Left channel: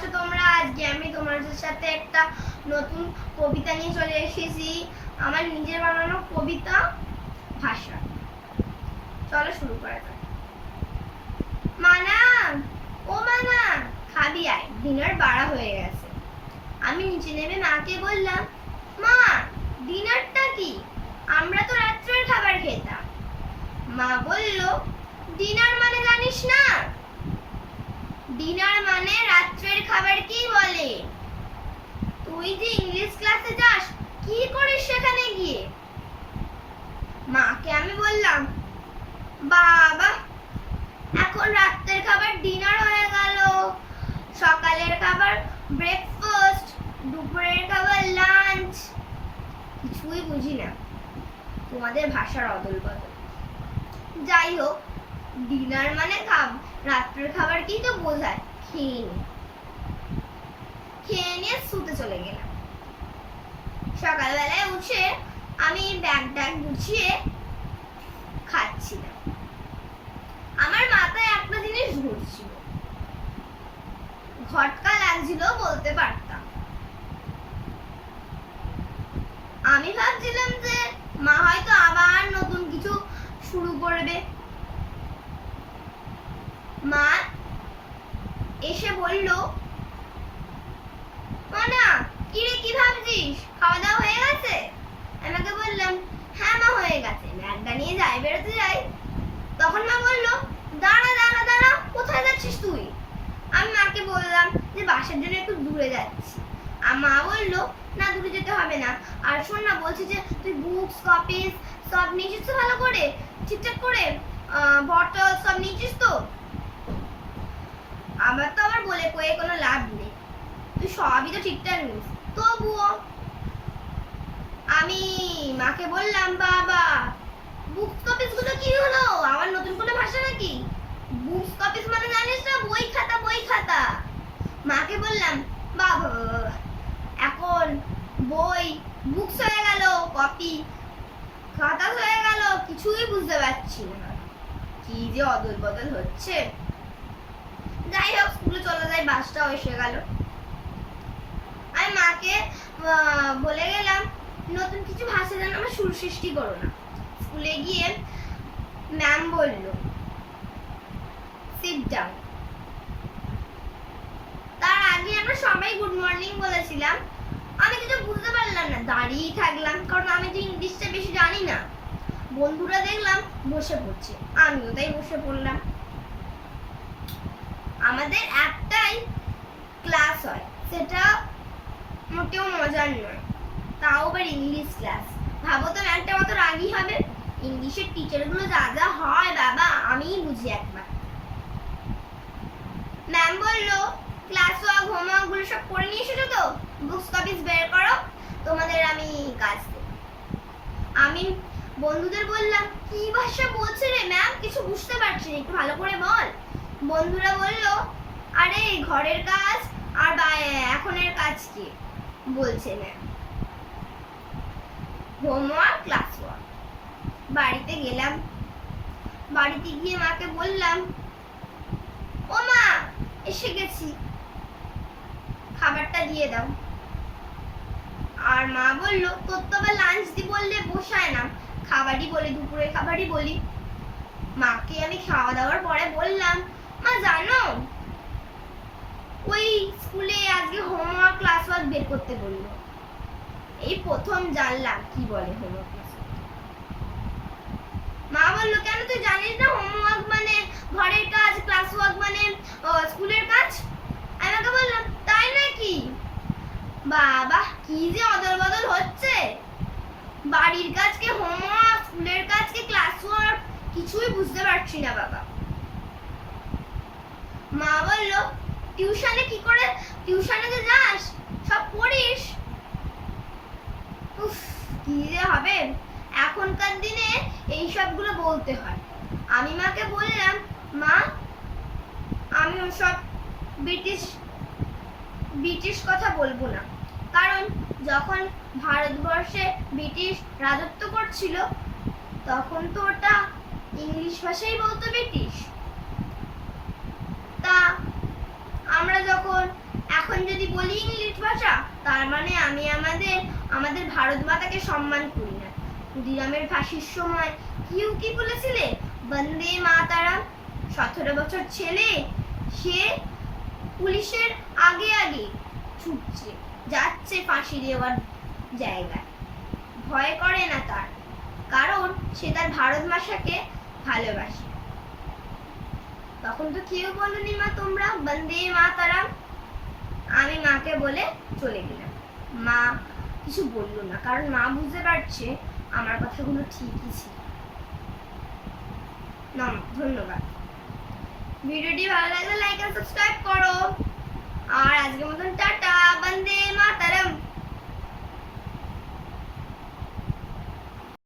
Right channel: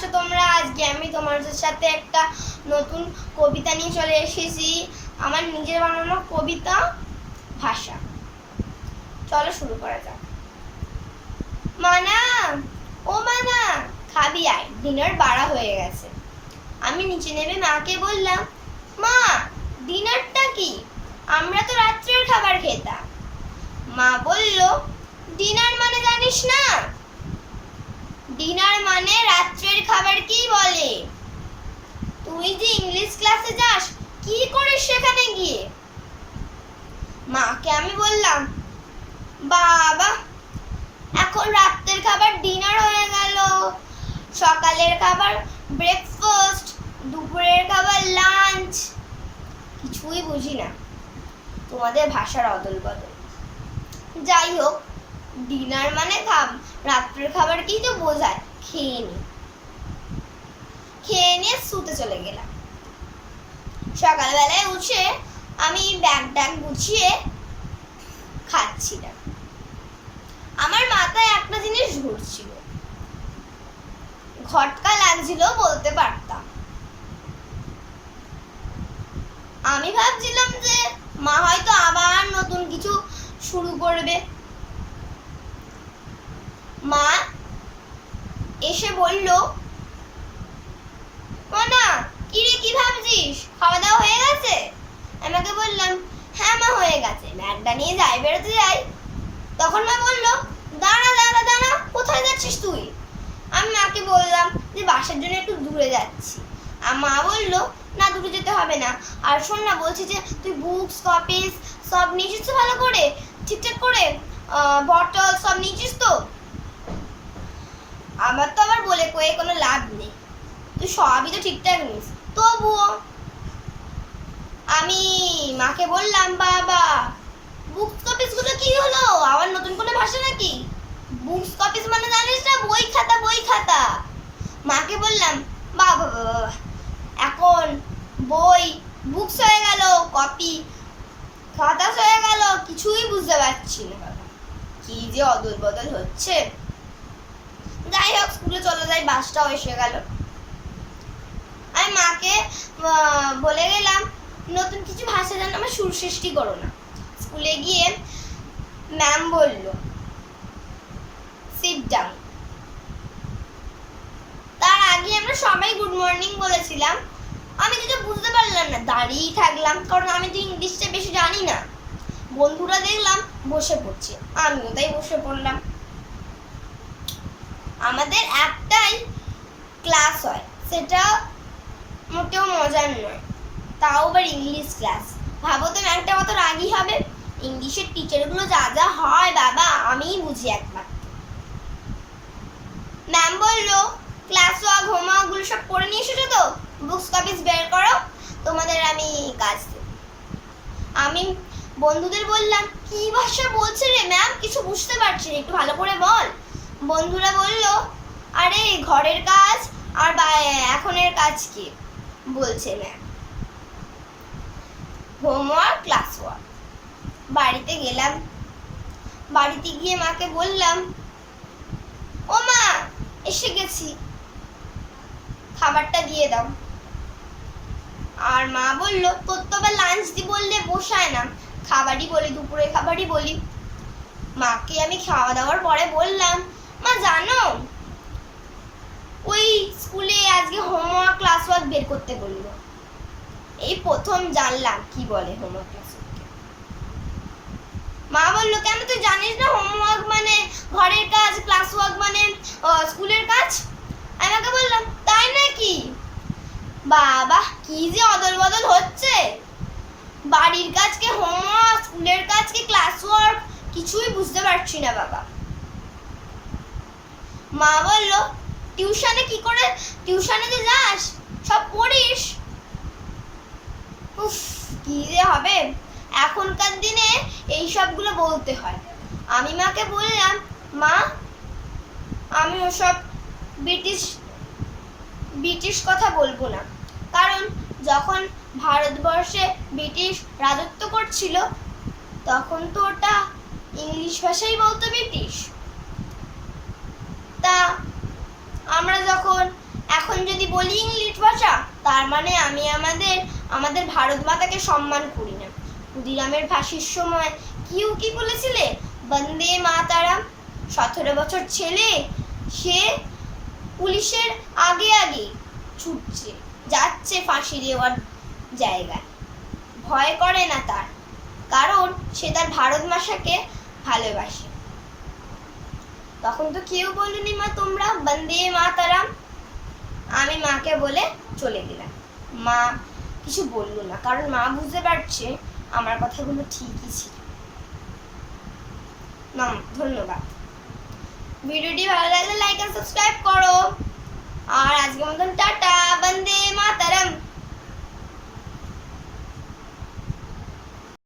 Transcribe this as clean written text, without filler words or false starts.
আছো তোমরা? আজকে আমি তোমাদের সাথে একটা নতুন কবিতা নিয়ে চলে এসেছি। আমার নিজের বানানো কবিতা ভাষা। চলো শুরু করা যাক। মানা, ও মানা, খাবি আয়, ডিনার বাড়া হয়ে গেছে। আমি নিচে নেমে মাকে বললাম, মা ডিনারটা কি? আমরা তো রাত্রের খাবার খেতাম। মা বলল, ডিনার মানে জানিস না? ডিনার মানে রাত্রের খাবারকেই বলে। তুই যে ইংলিশ ক্লাসে যাস, কি করিস সেখানে গিয়ে? মাকে আমি বললাম, বাবা এখন রাত্রের খাবার ডিনার হয়ে গেল, সকালের খাবার ব্রেকফাস্ট, দুপুরের খাবার লাঞ্চ। কিছুই বুঝি না তোমাদের ভাষার অদল বদল। যাই হোক, ডিনার মানে রাত্রের খাবারকেই তো বোঝায়। খেয়ে নিয়ে শুতে চলে গেলাম। সকালবেলায় উঠে আমি ব্যাগ গুছিয়ে খাচ্ছিলাম। আমার মাথায় একটা জিনিস ঘুরছিল, ঘটকা লাগছিল বলতে পারতাম। আমি ভাবছিলাম যে মা হয়তো আবার নতুন কিছু শুরু করবে। মা এসে বলল, মানা কিরে কি ভাবছিস? খাওয়া দাওয়া হয়ে গেছে? আমাকে বললাম, হ্যাঁ মা হয়ে গেছে। ব্যাগটা নিয়ে বেরোতে যাই, তখন মা বলল, দাঁড়া দাঁড়া দাঁড়া, কোথায় যাচ্ছিস তুই? আমি মাকে বললাম যে বাসার জন্য একটু দূরে যাচ্ছি। আর মা বলল, না দূরে যেতে হবে না। আর শোন না, বলছি যে তুই বুকস কপিস সব নিয়েছিস তো ভালো করে, ঠিকঠাক করে, বটল সব নিয়েছিস তো? আমার তো আবার বলে কয়ে কোনো লাভ নেই, তুই সবই তো ঠিকঠাক নিস। তবুও আমি মাকে বললাম, বাবা বুকস কপিস গুলো কি হলো? আবার নতুন কোনো ভাষা নাকি? বুকস কপিস মানে জানিস না, বই খাতা বই খাতা। মাকে বললাম, বাবা এখন বই বুকস হয়ে গেল, কপি খাতা হয়ে গেল, কিছুই বুঝতে পারছি না। কি যে অদল বদল হচ্ছে। যাই হোক, স্কুলে চলে যাই, বাসটাও এসে গেল। আমি মাকে বলে গেলাম, নতুন কিছু ভাষা যেন আমার সুর সৃষ্টি করো না। স্কুলে গিয়ে ম্যাম বলল, সিট ডাউন। তার আগে আমরা সবাই গুড মর্নিং বলেছিলাম। আমি কিছু বুঝতে পারলাম না, দাঁড়িয়েই থাকলাম, কারণ আমি তো ইংলিশটা বেশি জানি না। বন্ধুরা দেখলাম বসে পড়ছে, আমিও তাই বসে পড়লাম। আমাদের একটাই ক্লাস হয়, সেটা মোটেও মজার নয়, তাও আবার ইংলিশ ক্লাস। ভাবো তো ম্যামটা কত রাগী হবে। ইংলিশের টিচারগুলো যা যা হয় বাবা, আমিই বুঝি একবার। ম্যাম বলল, ক্লাস ওয়ার্ক হোমওয়ার্ক গুলো সব পড়ে নিয়ে এসেছো তো? বুকস কপিস বের করো, তোমাদের আমি কাজ দেব। আমি বন্ধুদের বললাম, কি ভাষা বলছে রে ম্যাম, কিছু বুঝতে পারছি না, একটু ভালো করে বল। বন্ধুরা বলল, আরে ঘরের কাজ আর এখনের কাজ কি বলছে ম্যাম? Homework class work. বাড়িতে গেলাম, বাড়িতে গিয়ে মাকে বললাম, ও মা এসে গেছি, খাবারটা দিয়ে দাও। আর মা বলল, তোর তো আবার লাঞ্চ দি বললে বসায় না, খাবারই বলি, দুপুরে খাবারই বলি। মাকে আমি খাওয়া দাওয়ার পরে বললাম, মা জানো ওই স্কুলে আজকে হোমওয়ার্ক ক্লাস ওয়ার্ক বের করতে বললো। এই প্রথম জানলাম কি বলে হোমওয়ার্ক ক্লাস ওয়ার্ক। মা বললো, কেন তুই জানিস না হোমওয়ার্ক মানে ঘরের কাজ, ক্লাস ওয়ার্ক মানে স্কুলের কাজ? আমি ওকে বললাম, তাই নাকি? বাবা কি যে অদল বদল হচ্ছে, বাড়ির কাজকে হোমওয়ার্ক, স্কুলের কাজকে ক্লাস ওয়ার্ক, কিছুই বুঝতে পারছি না বাবা। মা বলল, টিউশনে কি করে, টিউশনে যে যাস সব পড়িস? উফ কি যে হবে, এখনকার দিনে এই সবগুলো বলতে হয়। আমি মাকে বললাম, মা আমি ওসব ব্রিটিশ কথা বলবো না, কারণ যখন ভারতবর্ষে ব্রিটিশ রাজত্ব করছিল তখন তো ওটা ইংলিশ ভাষাই বলতো ব্রিটিশ। তা আমরা যখন যদি বলি ইংলিশ ভাষা, তার মানে আমি আমাদের ভারত মাতাকে সম্মান করি না। ক্ষুদিরামের ফাঁসির সময় কি বলেছিলে? বন্দে মাতারাম। 17 বছর ছেলে, সে পুলিশের আগে আগে ছুটছে, যাচ্ছে ফাঁসি দেওয়ার জায়গায়। ভয় করে না তার, কারণ সে তার ভারত মাতাকে ভালোবাসে। তখন তো কেউ বলনি মা তোমরা বন্দে মাতারাম। আমি মাকে বলে চলে গেলাম। মা কিছু বললো না, কারণ মা বুঝতে পারছে আমার কথাগুলো ঠিকই ছিল। ধন্যবাদ। ভিডিওটি ভালো লাগলে লাইক আর সাবস্ক্রাইব করো। আর আজকের মতন টাটা, বন্দে মাতারাম।